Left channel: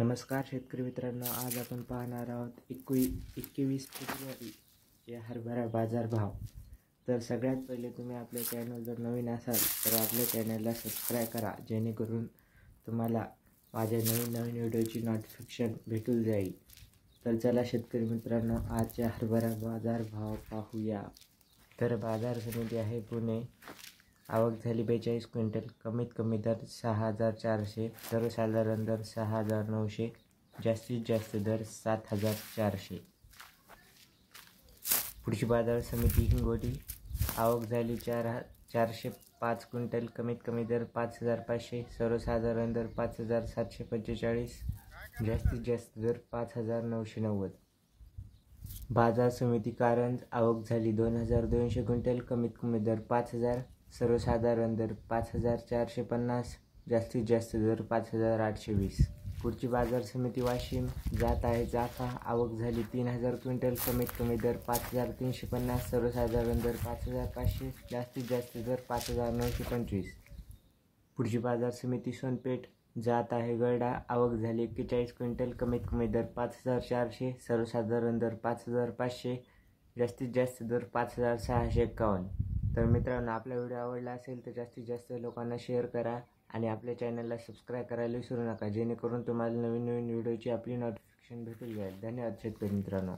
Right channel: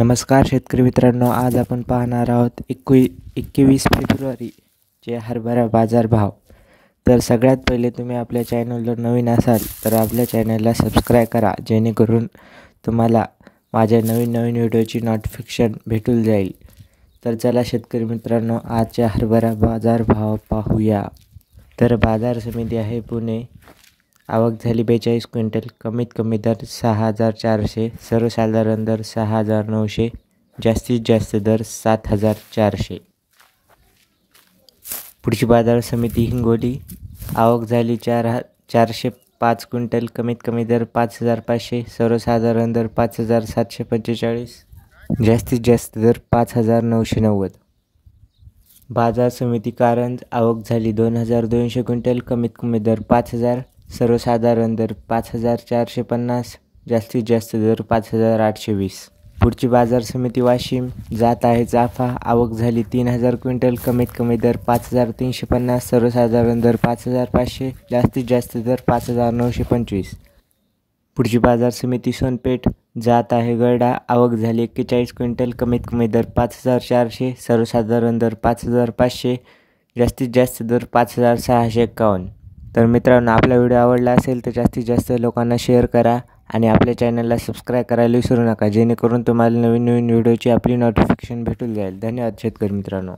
नमस्कार शेतकरी मित्रांनो, आज आपण पाहणार आहोत 21 फेब्रुवारीचे हरभरा बाजारभाव। तर सगळ्यात पहिले तुम्ही आपल्या चॅनलवर नवीन असाल तर आपल्या चॅनलला सबस्क्राईब करा, जेणेकरून तुम्हाला माझ्या नवीन व्हिडिओची नोटिफिकेशन भेटून जाईल। तर चला शेतकरी मित्रांनो, आजच्या हरभरा बाजारभाव पाहूया। तर बाजार समिती आहे पुणे, आवक झाली 42 क्विंटल, कमीत कमी दर 6,400, सर्वसाधारण दर 6,900, जास्तीत जास्त दर 7,400। पुढची बाजार समिती हिंगोली, आवक झाली 405 क्विंटल, कमीत कमी दर 5,500, सर्वसाधारण दर 5,745, जास्तीत जास्त दर 5,990। बाजार समिती कारंज, आवक झाली 2,200 क्विंटल, कमीत कमी दर 5,000, सर्वसाधारण दर 5,450, जास्तीत जास्त दर 5,820। पुढची बाजार समिती वाशिम, जात आहे चाफा, आवक झाली 3,000 क्विंटल, कमीत कमी दर 5,350, सर्वसाधारण दर 5,500, जास्तीत जास्त दर 5,925। पुढची बाजार समिती सोनपेठ, जात आहे गरडा, आवक झाली 41 क्विंटल, कमीत कमी दर 5,400, सर्वसाधारण दर 5,500, जास्तीत जास्त दर 5,651। तर मित्रांनो, आपला व्हिडिओ आवडला असेल तर जास्तीत जास्त लोकांना शेअर करा आणि आपल्या चॅनलला सबस्क्राईब करायला विसरू नका, जेणेकरून तुम्हाला नवीन व्हिडिओची आपली नोटिफिकेशन भेटून जाईल। धन्यवाद शेतकरी मित्रांनो।